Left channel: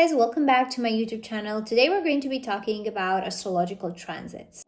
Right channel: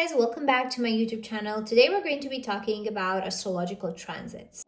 guys, welcome back to my YouTube channel. Today we're going to be talking about astrological transits.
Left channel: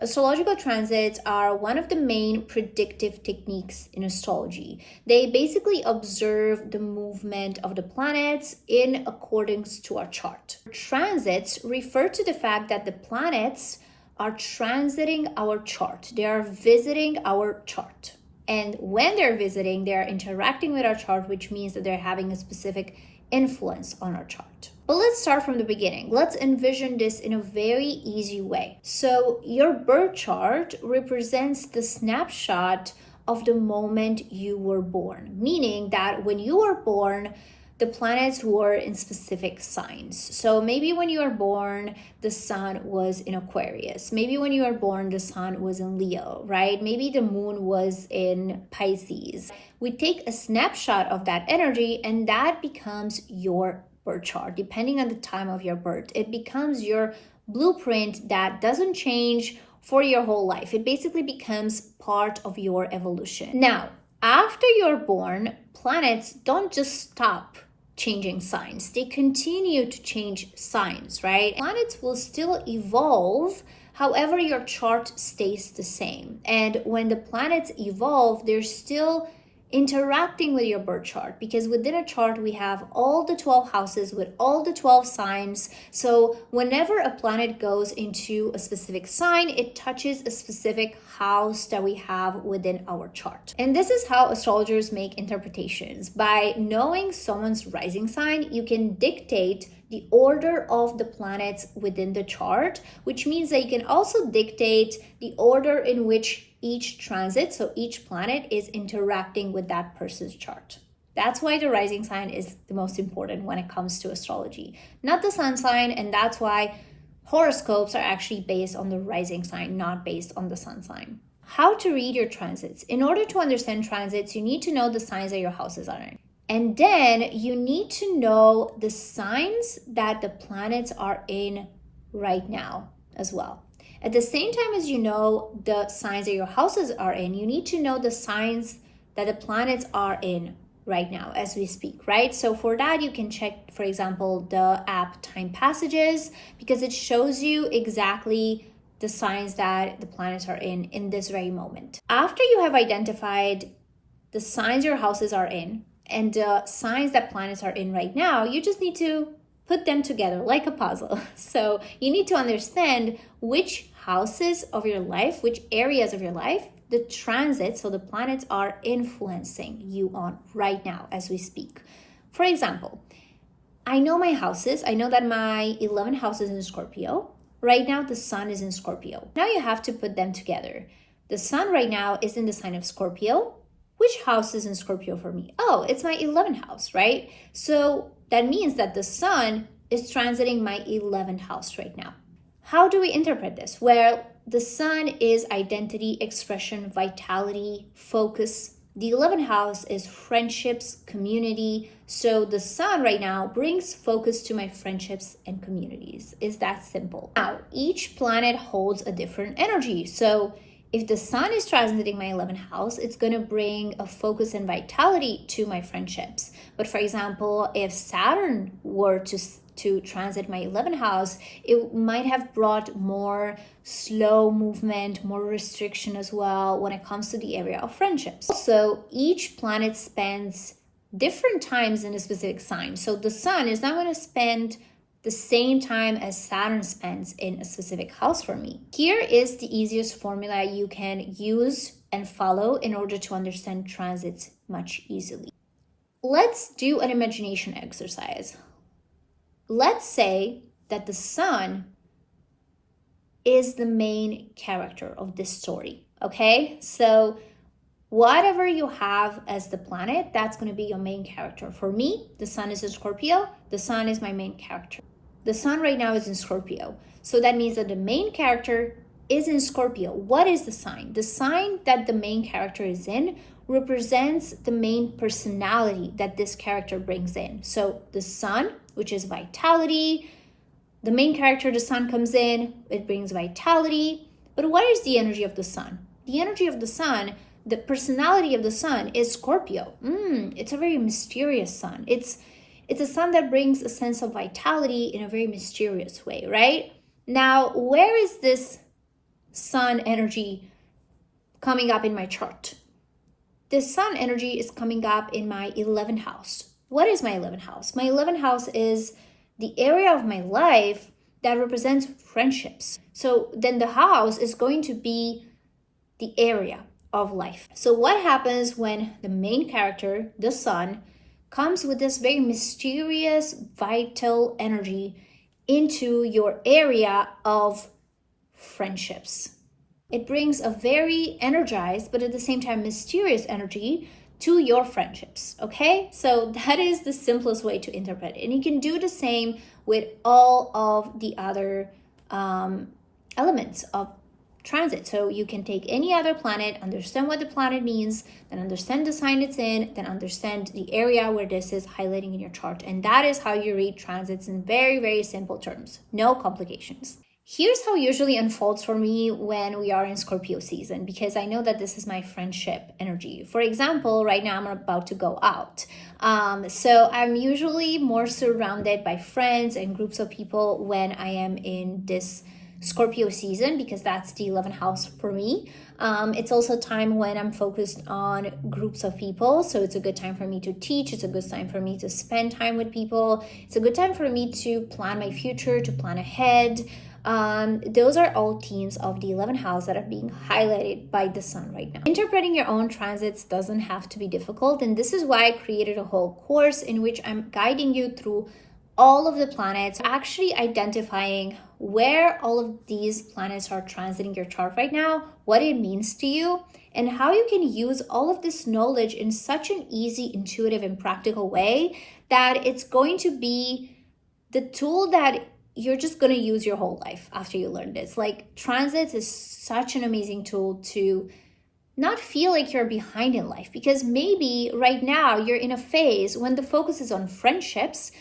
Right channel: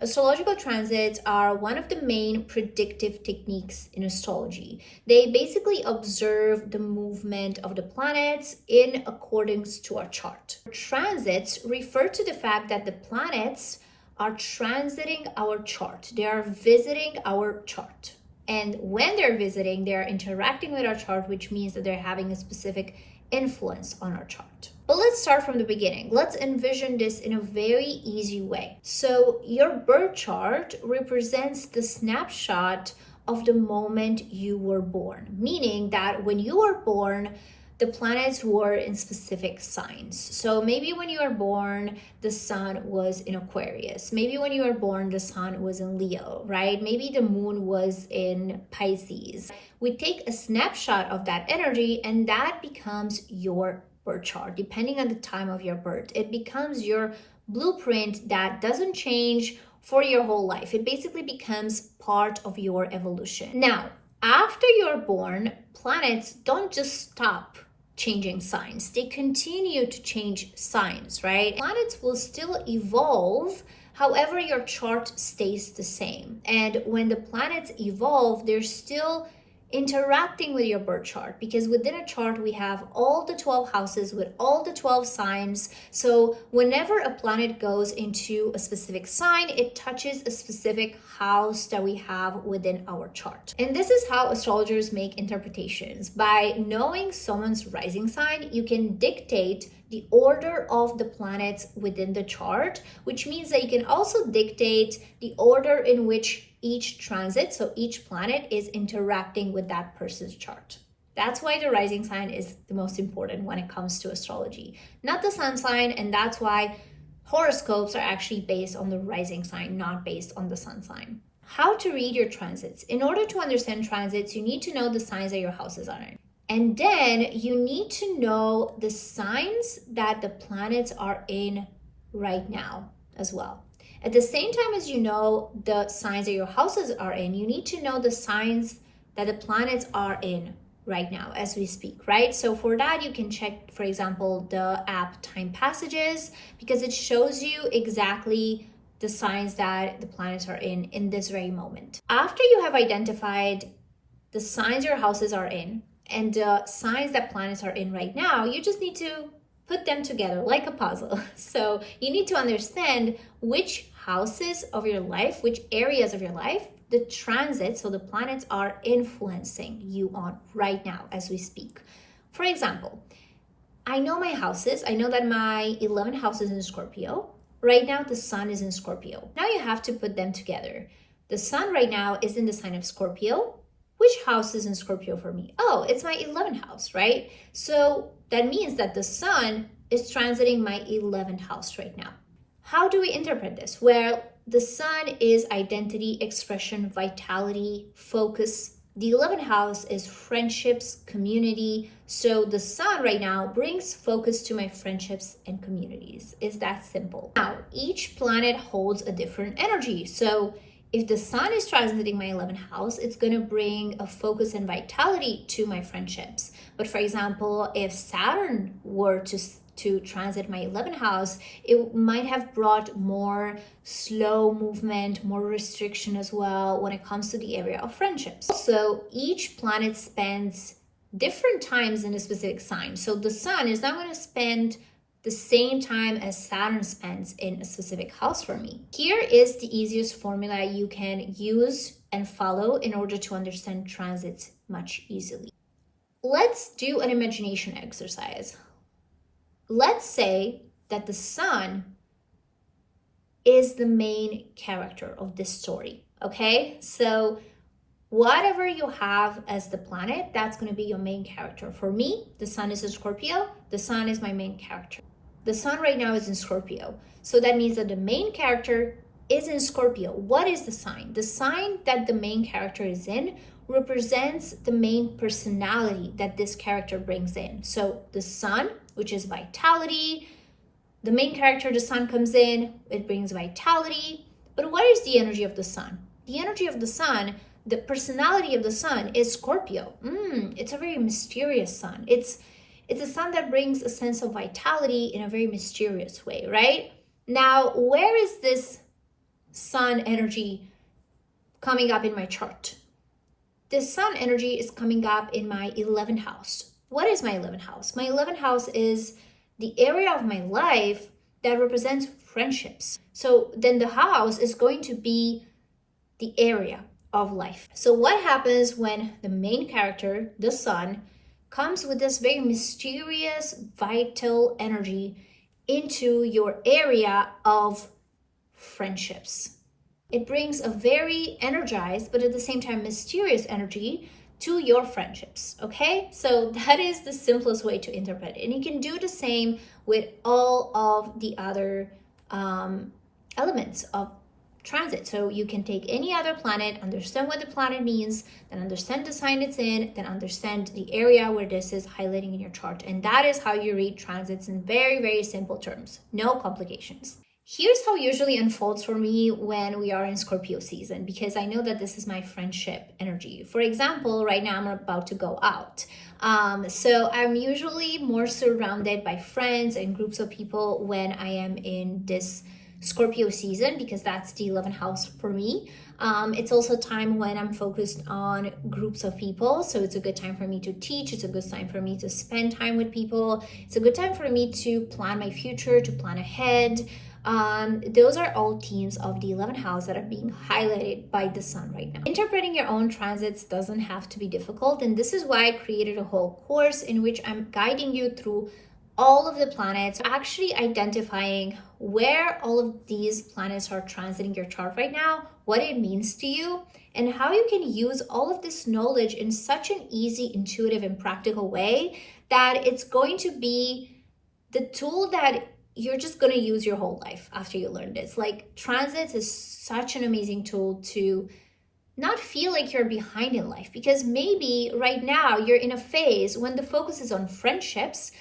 Astrological transits are one of the main predictive techniques in astrology. They basically observe the movement of the planets in accordance to our chart. Transits refer to the fact that the planets are transiting our chart. They are visiting our chart. And when they're visiting, they're interacting with our chart, which means that they're having a specific influence on our chart. But let's start from the beginning. Let's envision this in a very easy way. So your birth chart represents the snapshot of the moment you were born, meaning that when you were born, the planets were in specific signs. So maybe when you were born, the sun was in Aquarius. Maybe when you were born, the sun was in Leo, right? Maybe the moon was in Pisces. We take a snapshot of that energy and that becomes your birth chart, depending on the time of your birth. It becomes your blueprint that doesn't change for your whole life. It basically becomes part of your evolution. Now, after you're born, planets don't just stop changing signs. They continue to change signs, right? Planets will still evolve. However, your chart stays the same. And when the planets evolve, they're still interacting with your birth chart, because within a chart we have all the 12 houses with all the 12 signs. So whenever a planet goes into a specific sign, it touches a specific house that we have within our chart. And this is how astrologers make interpretations. By knowing someone's rising sign, you can dictate the order of the planets within the chart, which means that you can also dictate the order in which each transit, so each planet, is interacting with that person's chart. That's why the rising sign is the most important when it comes to astrology, not the sun sign, and that's why horoscopes are actually based on the rising sign, not based on the sun sign. How to read your transits. In order to understand transits, you need to know the signs that your houses are in. And then you need to know the signs that the planets are in right now as well. At the same time as you know the signs that your houses are in, you need to know the signs that the planets are in right now as we speak, right? So for that, you can check, for example, the app Time Passages, because it shows you exactly the signs that the planets are in this very moment. After you have identified the signs your houses are in and the signs that planets are in right now, you just need to put them together like a puzzle. So you need to understand which houses of your life, which areas of your life, the transit, so the planets are influencing you on right now as we speak. For example, I know my houses. I know that my 11th house is in Scorpio. Right now, the sun is in Scorpio. Now you have to put them together. The sun right now is in the sign of Scorpio. Which house is in Scorpio for me? Oh, it's my 11th house, right? So that means that the sun is transiting my 11th house right now. How do we interpret this? Well, the sun is identity, expression, vitality, focus. The 11th house is friendships, community. So the sun right now brings focus to my friendships and communities. It's that simple. Now, each planet holds a different energy. So if the sun is transiting my 11th house, it's going to bring a focus and vitality to my friendships. But for example, if Saturn were to transit my 11th house, it might have brought more slow movement, more restriction as well when it comes to the area of friendships. Also, each planet spends different times in a specific sign. So the sun is not going to spend the same time as Saturn spends in a specific house for me. Here is the easiest formula you can use and follow in order to understand transits much easily. Let's do an imagination exercise. Let's say that the sun is the main character of this story, okay? So whatever you have as the planet, that's going to be your main character. For me, the sun is in Scorpio. The sun is my main character. The sun right now is in Scorpio. So that means that the main character is in Scorpio. What is the sign? The sign that the main character is in represents the main personality that this character brings in. So the sun, which is vitality, the main character, the sun, comes in, it brings vitality. But what is the energy of the sun? The energy of the sun the personality of the sun is Scorpio. It's a very mysterious sun. It's a sun that brings a sense of vitality in a very mysterious way, right? Now, where is this sun energy coming up in my chart? This sun energy is coming up in my 11th house. What is my 11th house? My 11th house is the area of my life that represents friendships. So then the house is going to be the area of life. So what happens when the main character, the sun, comes with this very mysterious, vital energy into your area of friendships? It brings a very energized, but at the same time mysterious energy to your friendships, okay? So that is the simplest way to interpret it. And you can do the same with all of the other elements of transit. So you can take any other planet, understand what the planet means, then understand the sign it's in, then understand the area where this is highlighting in your chart. And that is how you read transits in very, very simple terms. No complications. Here's how it usually unfolds for me when we are in Scorpio season, because I know that this is my friendship energy. For example, right now I'm about to go out. So I'm usually more surrounded by friends and groups of people when I am in this Scorpio season, because that's the 11th house for me. It's also time when I'm focused on groups of people. So it's a good time for me to teach. It's a good time for me to spend time with people. It's a good time for me to plan my future, to plan ahead. Those are all themes of the 11th house that are being highlighted by the sun right now. Interpreting your own transits doesn't have to be difficult, and this is why I created a whole course in which I'm guiding you through all of the planets, actually identifying where all of these planets are transiting your chart right now, what it means to you, and how you can use all of this knowledge in such an easy, intuitive, and practical way that it's going to be the tool that you're just going to use your whole life after you learn this. Like, transits is such an amazing tool to not feel like you're behind in life, because maybe right now you're in a phase when the focus is on friendships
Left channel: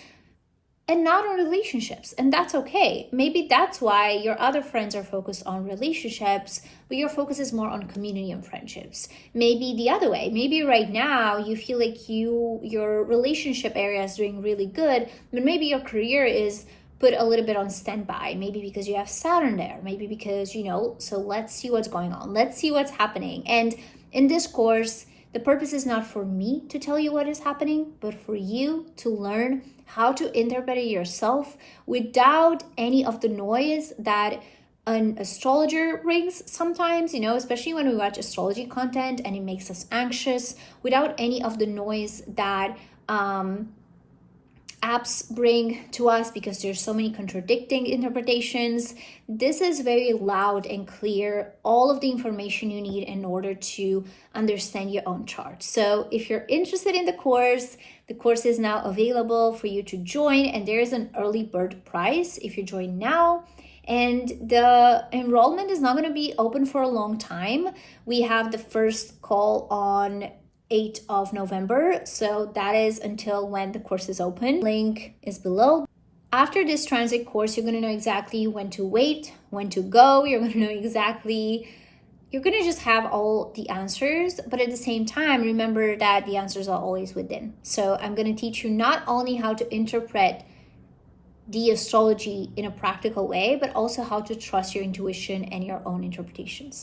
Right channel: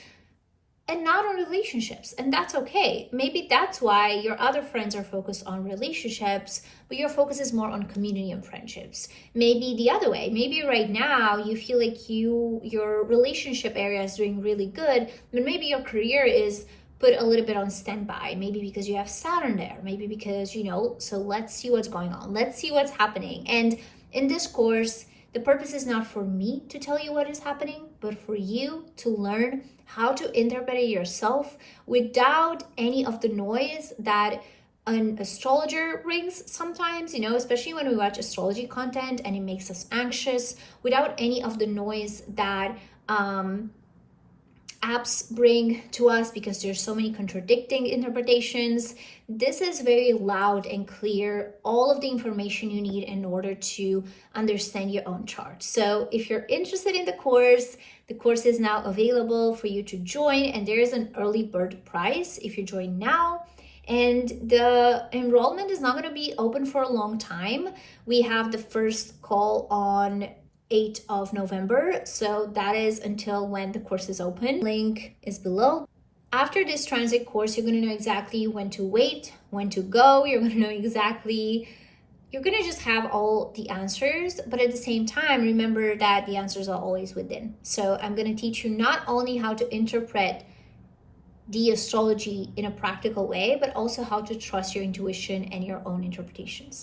and not on relationships, and that's okay. Maybe that's why your other friends are focused on relationships, but your focus is more on community and friendships. Maybe the other way. Maybe right now you feel like your relationship area is doing really good, but maybe your career is put a little bit on standby, maybe because you have Saturn there, maybe because, so let's see what's going on. Let's see what's happening. And in this course, the purpose is not for me to tell you what is happening, but for you to learn how to interpret it yourself without any of the noise that an astrologer brings sometimes, especially when we watch astrology content and it makes us anxious, without any of the noise that apps bring to us, because there's so many contradicting interpretations. This is very loud and clear, all of the information you need in order to understand your own chart. So if you're interested in the course is now available for you to join, and there is an early bird price if you join now. And the enrollment is not going to be open for a long time. We have the first call on 8th of November. So that is until when the course is open. Link is below. After this transit course, you're going to know exactly when to wait, when to go. You're going to know you're going to just have all the answers, but at the same time, remember that the answers are always within. So I'm going to teach you not only how to interpret the astrology in a practical way, but also how to trust your intuition and your own interpretations.